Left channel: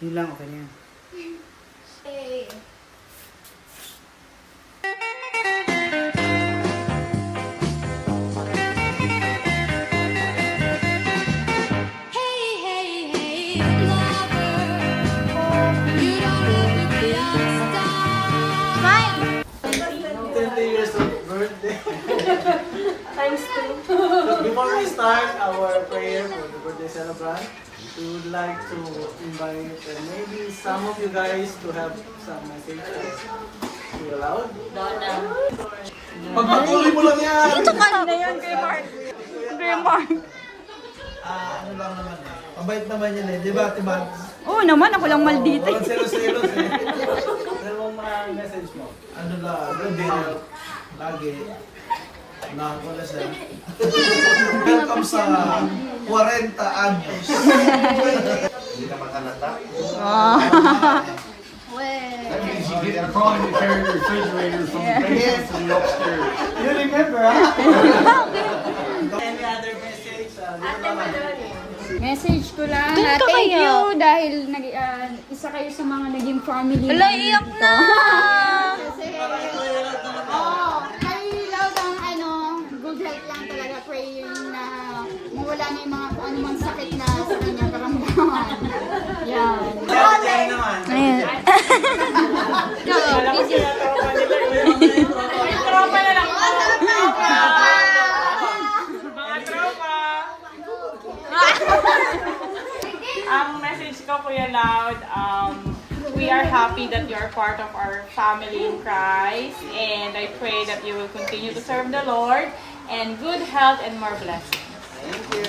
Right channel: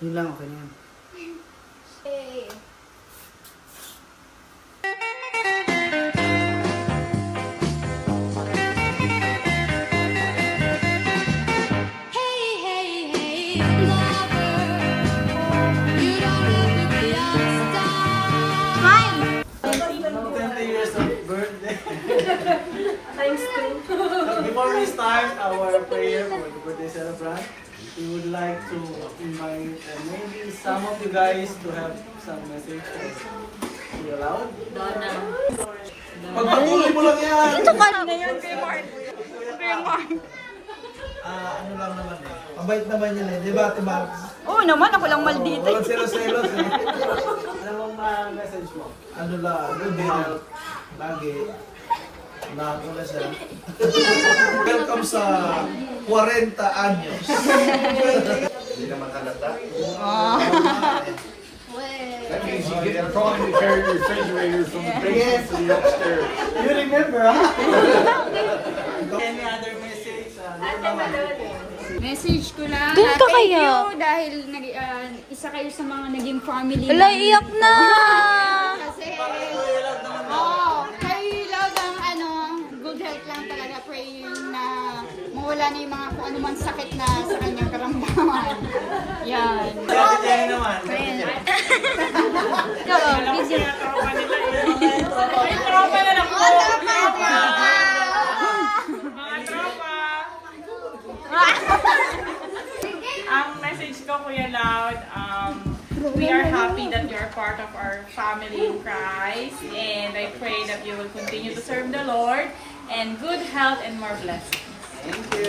Yun lang, okay na yan. Hey. Before we start our prayer for the birthday celebrant, we would like to invite maybe some of you guys to have some message to you aloud. Ito ka na. Ano lang naman eh. Mabait naman yan eh. Di ba, Ate Max? Oo naman, ako lang maldita. Walang selos-selos eh. Ano ang message mo? Ano lang, good health. Lagi. Unahan ko na siya. Welcome sa 40 anyos. Hindi naman halata. You remember, ha? Any other message? Message ko lang. Doon ka thank kaya? you dahil isa kayo sa mga naging family. Wala, iyak na! Kasi, kayo lang ang good health lang talaga. Praying na mawala na yung mga kung anumang sakit na sa kanyang karamdaman. Yan. Diyan naman. Video. Ay, tropa na lang po. Mga tropa. Ang message ko, Kuya Loud, we are happy that you are part of our family in Christ. And I pray that you will continue to serve the Lord and good health and more blessings. Thank you.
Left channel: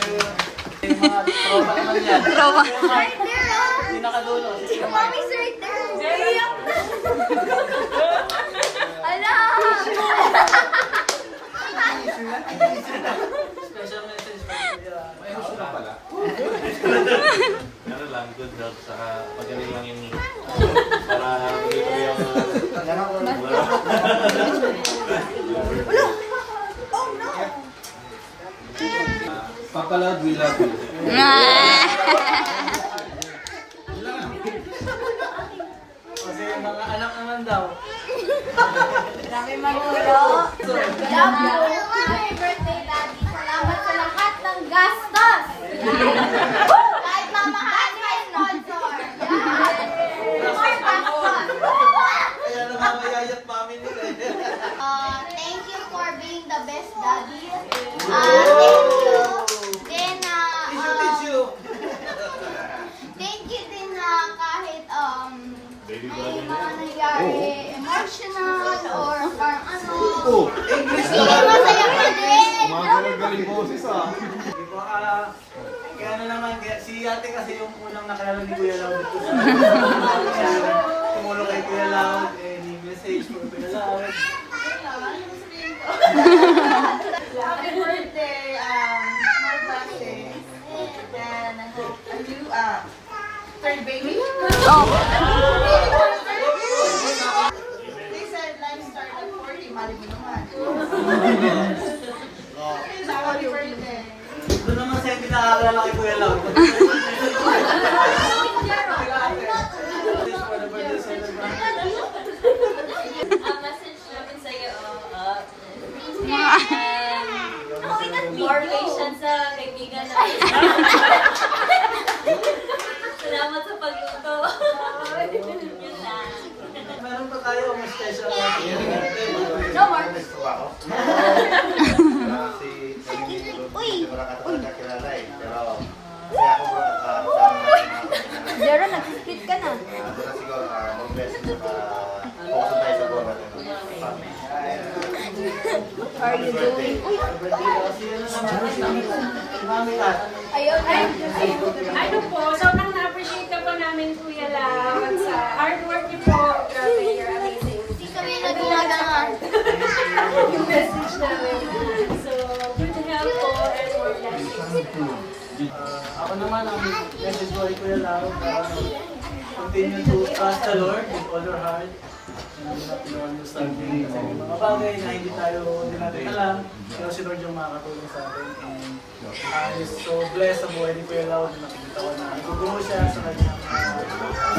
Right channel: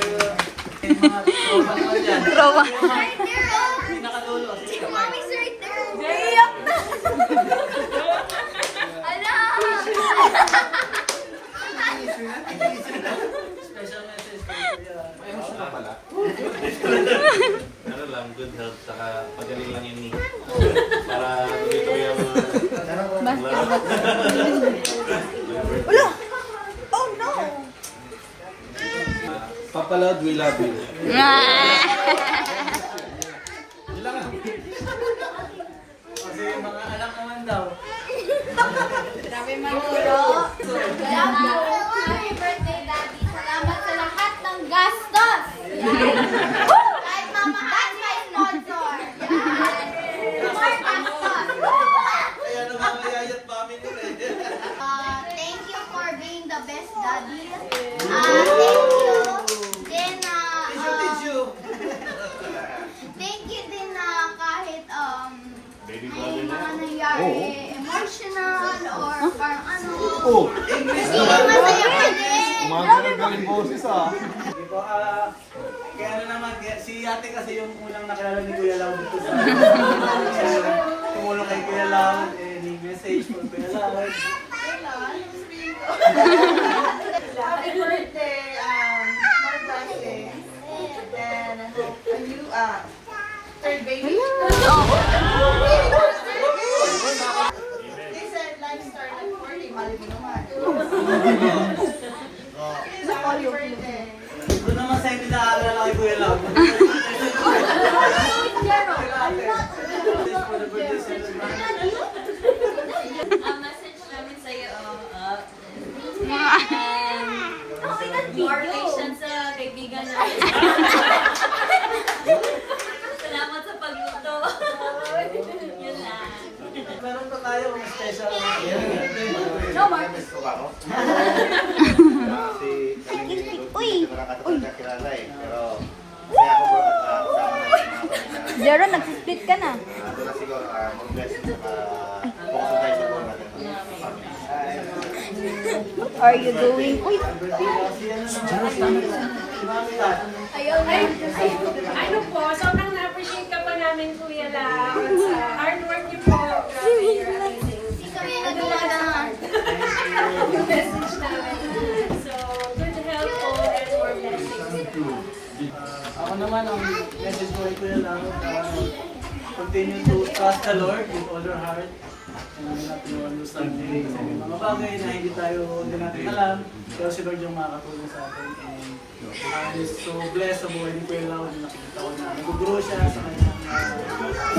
Tropa naman yan. Trauma. Pinakadulo. Si Mami Sweet na. Iyak na. Ala! Special message Ano lang, good health, saka pagaling lang yun para tuloy-tuloy ang Papa Loud, we love you. Kasi yung mga anak naman daw. Grabe manuro. Happy birthday, Daddy. Salamat sa lahat ng gastos. Kahit mama, that's my sponsor. More gastos. Kaya naman mayayat family eh. Thank you for being the best daddy. Thank you. Then, thank you din na kahit may mga nangyari emotional or parang ano. Sige, masaya ka din. Galing boses ah. Di ba, kaya ano naman, si ate kasi yung unang nakilala ni Kuya Lau dito sa tumulo kay Kuya Lau, any message for Kuya Lau? Happy birthday, more blessings. Then, I hope you, third baby. Oh. They said life start at 40, mali mo naman. Happy birthday. Doon naman sa hindi nakakilala kay Kuya Lau. For the birthday celebration. Ang message namin sa iyo, more patience sa kaibigan natin. Salamat sa pagluto. Yun lang. Meron pa tayo may special No more. Kasi kami hindi ko nakatagal na kilala eh. Pero kasi ako bro, sama natin mga pamilya. Jero, nag-split ka na. Doon na siguro, more blessings saka focus tayo sa buwan natin. Family. Are you doing? Uy, birthday daw. Si ano naman si Mami Kat. ayun. Ano po, sobrang na-appreciate ka po namin, Kuya Lau. At sa hard work niyo po, grabe, you're amazing. Ito yung nagulada na. Yung message namin. So, good health po and more blessings. Ako naman, ang message ko kay Kuya Lau, continue to trust the Lord with all your heart not to understand kasi may mga bagay na hindi natin alam, pero si Lord yung makakatulong sa atin. And I'm so blessed sa buhay ni Kuya Lau, nakikita ko na nag-grow siya sa kanyang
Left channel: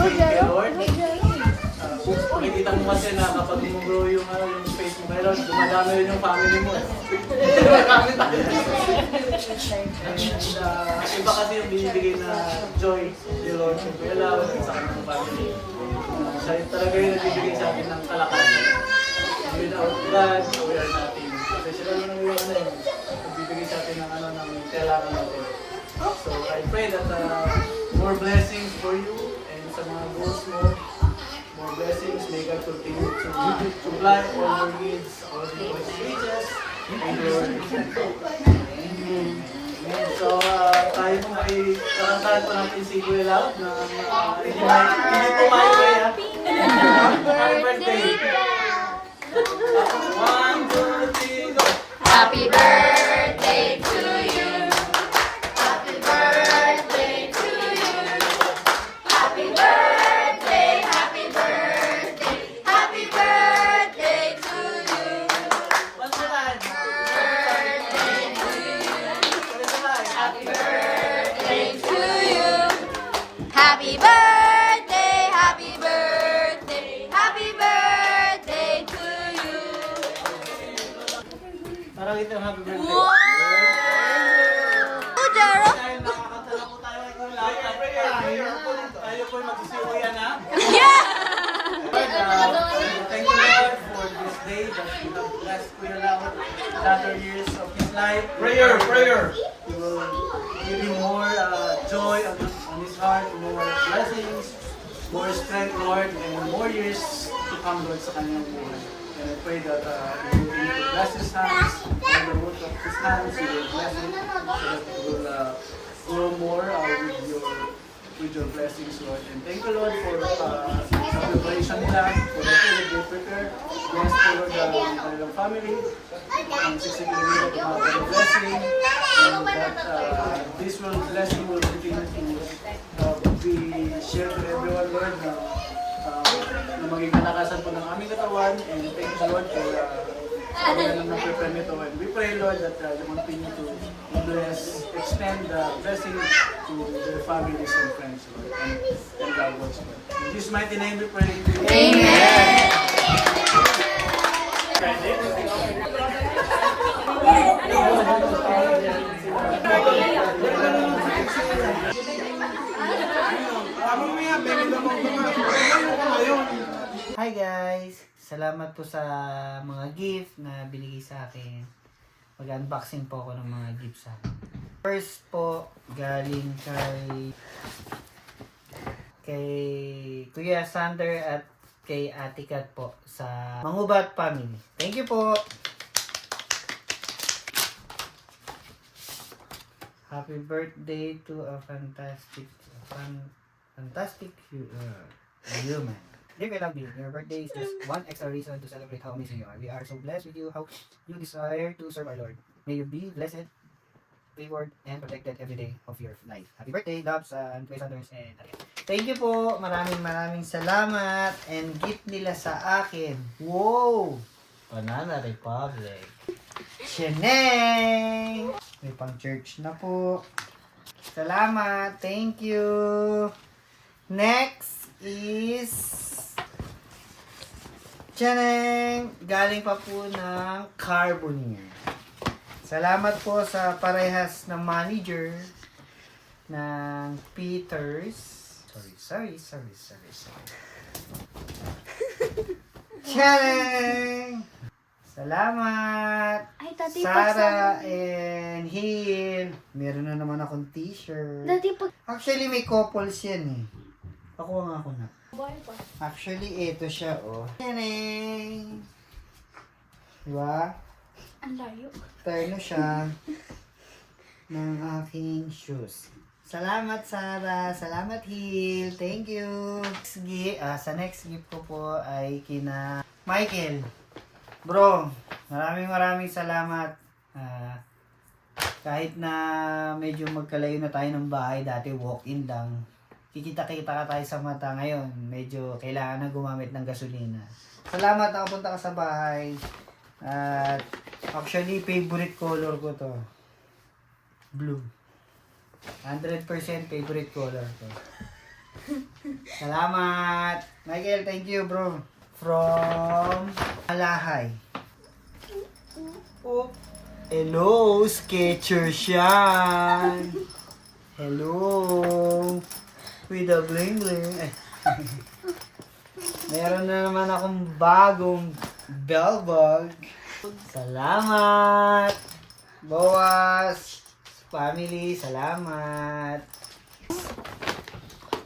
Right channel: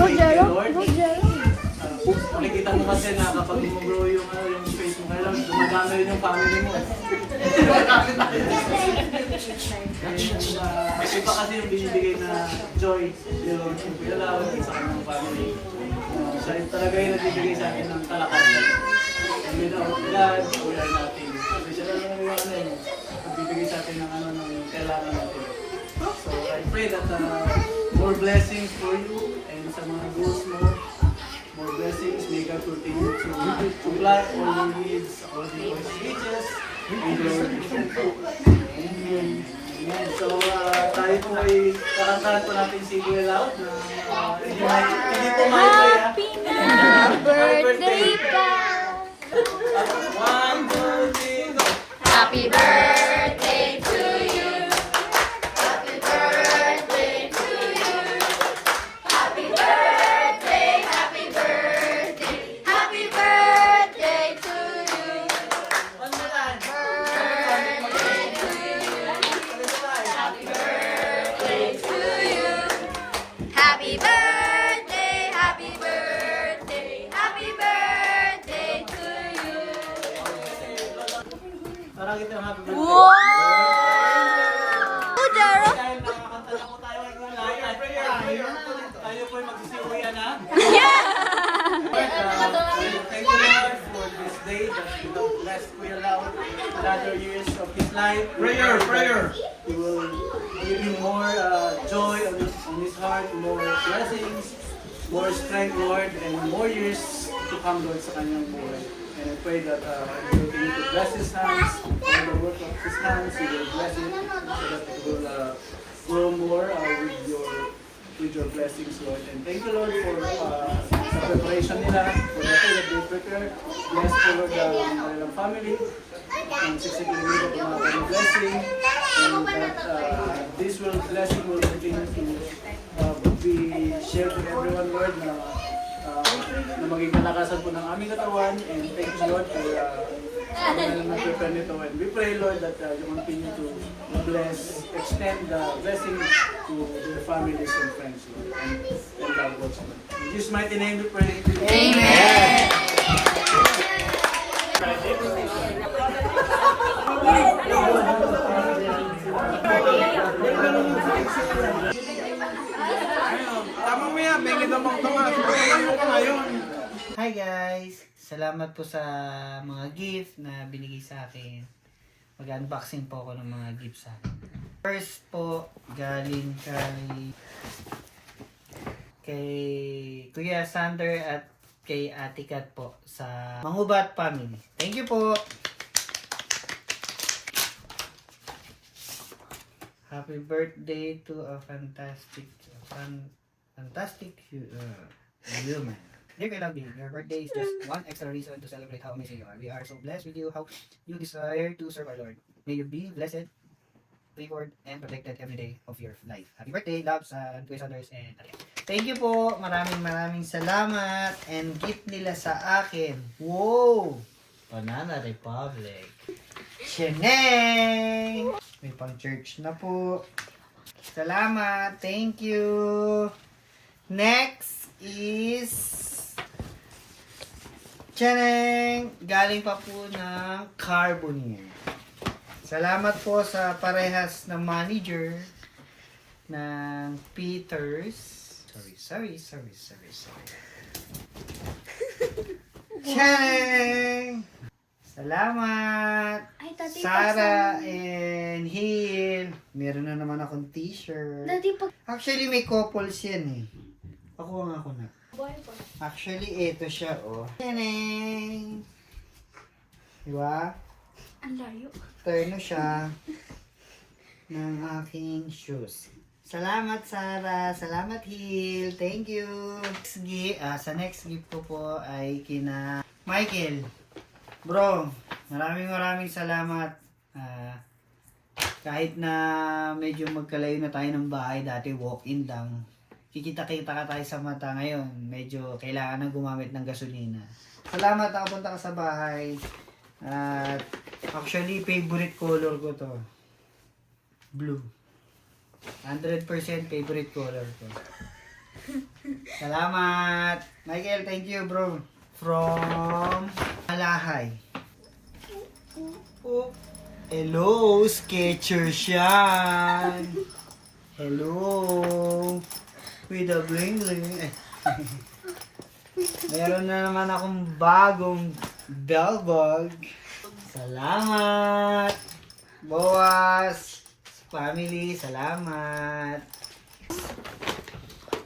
faith kay Lord. Makikita mo kasi na kapag mag-grow yung faith mo kay Lord, dumadami rin yung family mo. Dumadami tayo. And iba kasi yung binibigay na joy ni Lord kay Kuya Lau sa kanyang family. Siya talaga yung nagbibigay sa atin ng kalakasan. Without God, we are nothing. Kasi sila lang yung nagbibigay sa atin ng ng kailangan natin. So I pray that more blessings for you and sa mga goals mo, more blessings. May God continue to supply all your needs according to His riches and glory. Amen. Amen. So tayo po ay kakantahan po natin si Kuya Lau na hindi po maingay ha. Happy birthday! One, two, three, go! Happy birthday to you. Happy birthday to you. Happy birthday, happy birthday, happy birthday to you. One more time. Happy birthday to you. Happy birthday, happy birthday, happy birthday to you. Parang ito yung happy birthday. Wow! Jero! Dahil nakakanta na po tayo kay Kuya Lau, tayo po yung magsisiwian na. Yeah! Lord, thank you Lord for this day that you have blessed Kuya Lau another years of his life. Prayer. You will give him more joy on his heart, more blessings, more strength, Lord, and more years to come, Lord, sa kanyang buhay. And I pray that you continue to bless his hands, and the work of his hands, you will bless it, so that it will grow more with your blessings, Lord. And thank you, Lord, for sa preparation nila, for the food that they prepare. Bless po, Lord, the family. And sisikili nila tumawag ng blessing. And that this blessing will continue to be shared to everyone, Lord, na maging kalakasan po ng aming katawan. And thank you, Lord, for prepare nito. And we pray, Lord, that you continue to bless, extend the blessing to their families and friends, Lord. And God bless you. In Jesus' mighty name we pray. Amen. Hi guys! Salamat po sa mga gift na binigay sa akin. Mag-unboxing po ako ng mga gift sa akin. First po, galing kay Kuya Sander at kay Ate Kat po sa Mangubat Family. Thank you po! Happy birthday to a fantastic human. Dear Kuya Lau, your birthday is just one extra reason to celebrate how amazing you are. We are so blessed with you, how you desire to serve our Lord. May you be blessed, favored, and protected every day of your life. Happy birthday, loves, and Kuya Sanders, and thank you po. Maraming salamat. And gift nila sa akin. Wow! Banana Republic. Sheneng! May pang church na po. Salamat. Thank you. Next is Chaneng! Galing pa po ng Carboneer. Salamat po sa parehas na manager ng Peters. Sorry. Chaneng! Salamat! Sarah and Hill. Meron na naman akong t-shirt. Actually, may couples yan eh. Ako nga ako na. Actually, ito siya, oh. Taneng! Diba? Ang layo. Terno siya ng aking shoes. Salamat, Sarah. Salamat, Hill. Thank you. Sa next gift ko po ay kina Michael. Bro, maraming salamat. Kahit na medyo magkalayo na tayo ng bahay, dati walk-in lang. Kikita ka tayo sa mata ngayon. Medyo kailangan na gumamit ng gasolina. Salamat nakapunta ka sa bahay. At actually, favorite color ko to. Blue. 100% favorite color ko. Salamat! Michael, thank you bro. From Alahay. Oh. Hello, Skechers yan. Hello. With a bling bling. Meron na naman akong bagong bell bag. Salamat. Boas. Family, salamat.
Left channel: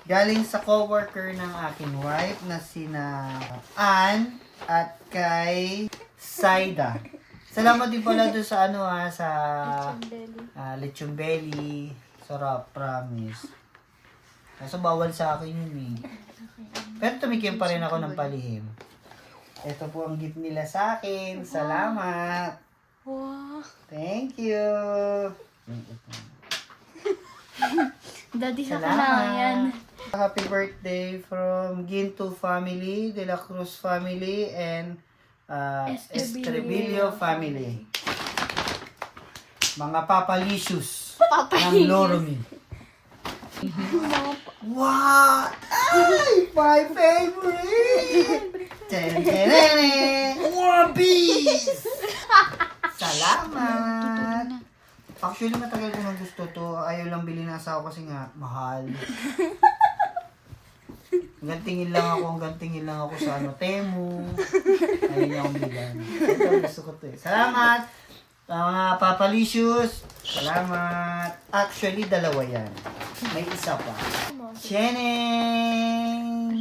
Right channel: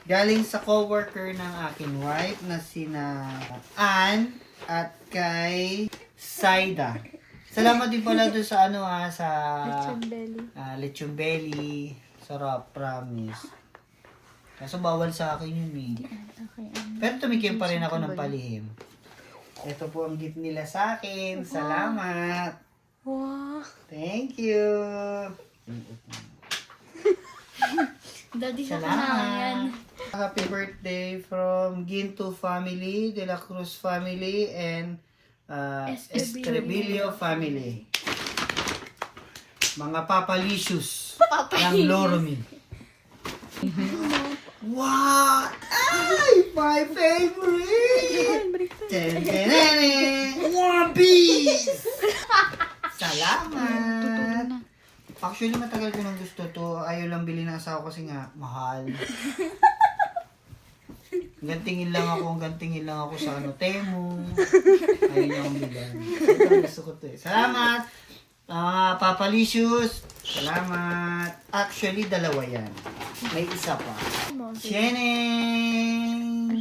Galing sa coworker ng aking wife na sina Ann at kay Saida. Salamat din pala doon sa sa Lechon Belly. Sarap, promise. Kaso bawal sa akin yun eh. Pero tumikim pa rin ako ng palihim. Ito po ang gift nila sa akin. Salamat. Thank you. Daddy, Salamat. Happy birthday from Ginto family, De La Cruz family, and Estrebillo family. Mga papalicious ng Loromi. Wow! Ay! My favorite! One Piece! Salamat! Actually, matagal ko nang gusto to. Ayaw lang bilhin ng asawa kasi nga, mahal. Hanggang tingin lang ako sa Temu. Ayaw niya akong bilhan. Ito ang gusto ko to eh. Salamat! Mga papalicious, salamat. Actually, dalawa yan. May isa pa. Sheneng!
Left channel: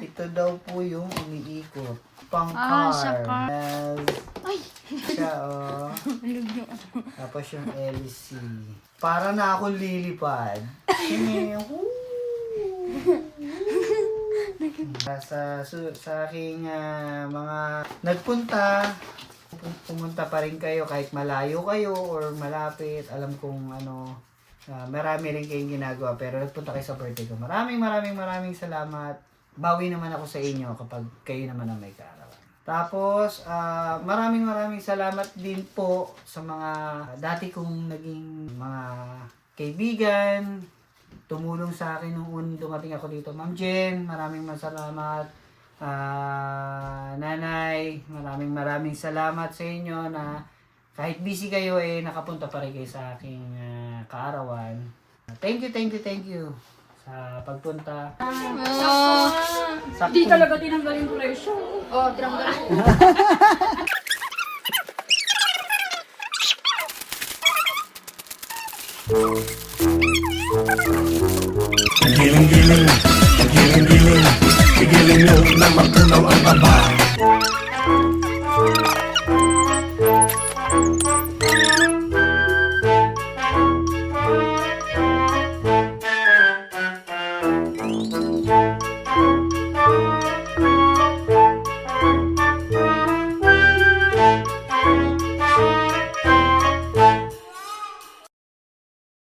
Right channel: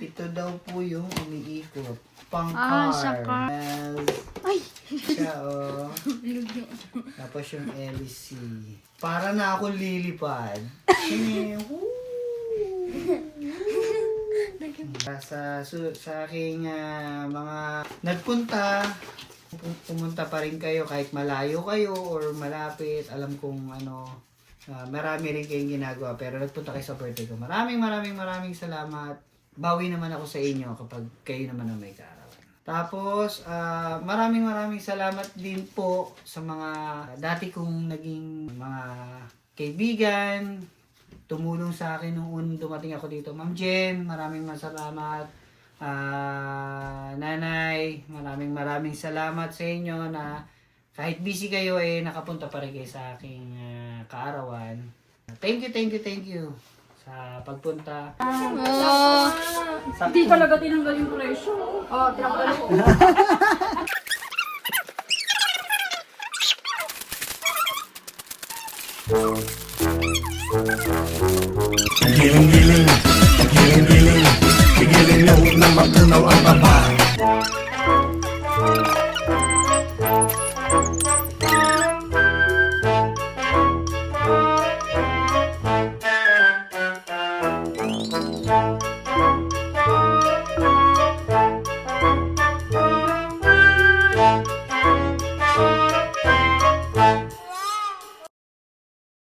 Ito daw po yung umiikot. Pang-car. Siya, oh. Tapos yung LC. Para na ako lilipad. Sheneng! Sa aking mga nagpunta, pumunta pa rin kayo kahit malayo kayo or malapit. Alam kong marami rin kayong ginagawa pero nagpunta kayo sa birthday ko. Maraming salamat. Bawi naman ako sa inyo kapag kayo naman ang may kaarawan. Tapos maraming salamat din po sa mga dati kong naging mga kaibigan. Tumulong sa akin nung dumating ako dito. Ma'am Jen, maraming salamat. Nanay, maraming salamat sa inyo na kahit busy kayo nakapunta pa rin kayo sa aking kaarawan. Thank you sa pagpunta. Hindi talaga tinanggal yung presyo. Oh, tinanggal ko. Giling-giling, giling-giling, giling nyo na matunaw ang taba.